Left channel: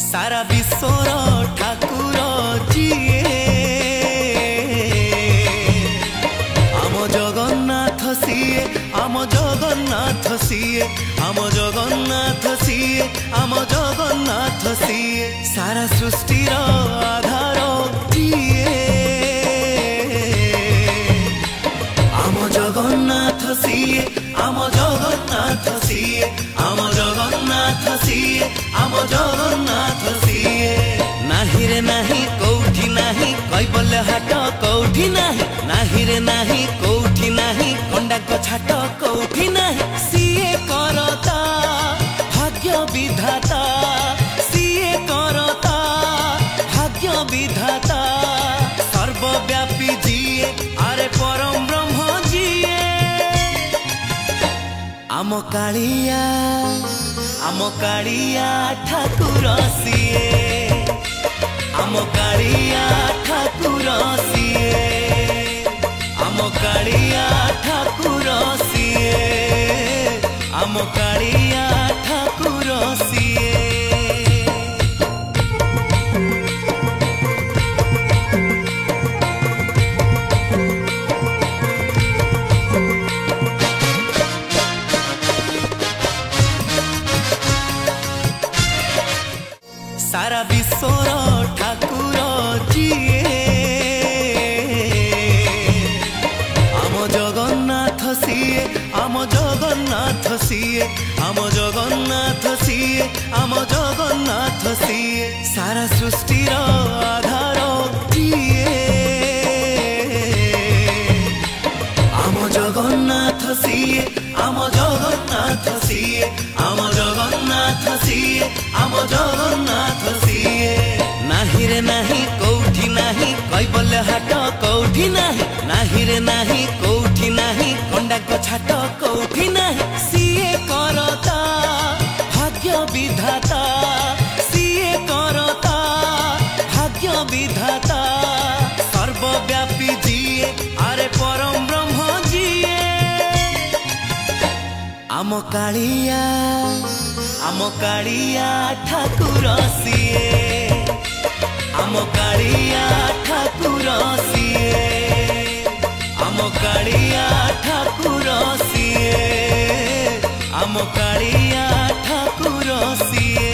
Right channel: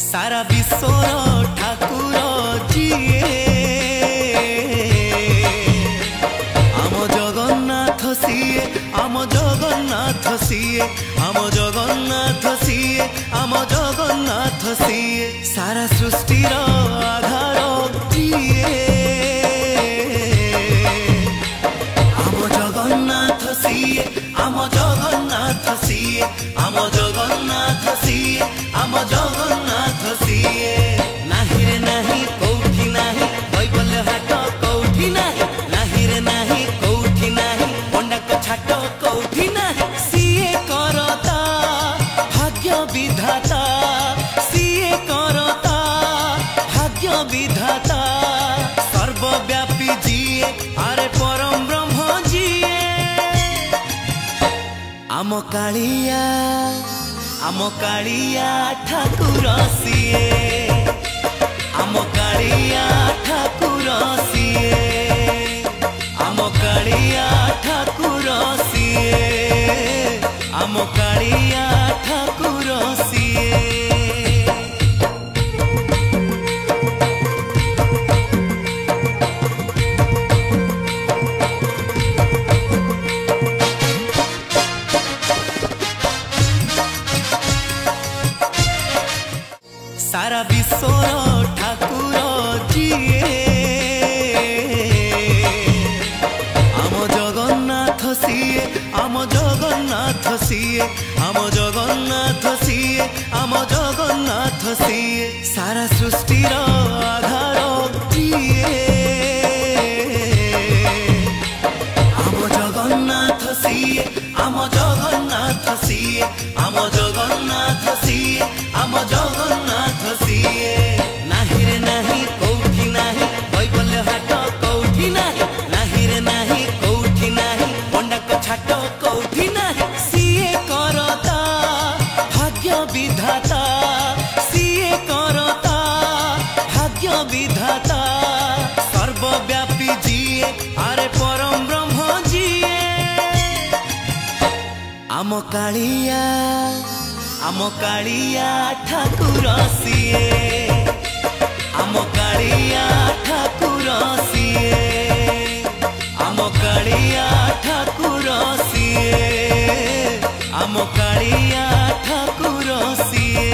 सारा विश्वर ठाकुर जीए आम जगन्नाथ सीए आम जगन्नाथ सीए आम जगन्नाथ सीए आम जगन्नाथ सीए सारा सृष्टिर आधार जीए आम जगन्नाथ सीए आम जगन्नाथ सीए आम जगन्नाथ सीए आम जगन्नाथ सीए नाही रे नाही कौठी नाही बैबल हाट कौठी नाही नाही रे नाही कौठी नाही पंडा को छाट कौठी नाही सीए करता भाग्य विधाता सीए करता भाग्य विधाता सर्वव्यापी जीए अरे परम ब्रह्म जीए आम कालिया ठाकुर सीए आम कालिया ठाकुर सीए आम कालिया ठाकुर सीए आम कालिया ठाकुर सीए सारा विश्वर ठाकुर जीए आम जगन्नाथ सीए आम जगन्नाथ सीए आम जगन्नाथ सीए आम जगन्नाथ सीए सारा सृष्टिर आधार जीए आम जगन्नाथ सीए आम जगन्नाथ सीए आम जगन्नाथ सीए आम जगन्नाथ सीए नाही रे नाही कौठी नाही बैबल हाट कौठी नाही नाही रे नाही कौठी नाही पंडा को छाट कौठी नाही सीए करता भाग्य विधाता सीए करता भाग्य विधाता सर्वव्यापी जीए अरे परम ब्रह्म जीए आम कालिया ठाकुर सीए आम कालिया ठाकुर सीए आम कालिया ठाकुर सीए आम कालिया ठाकुर सीए।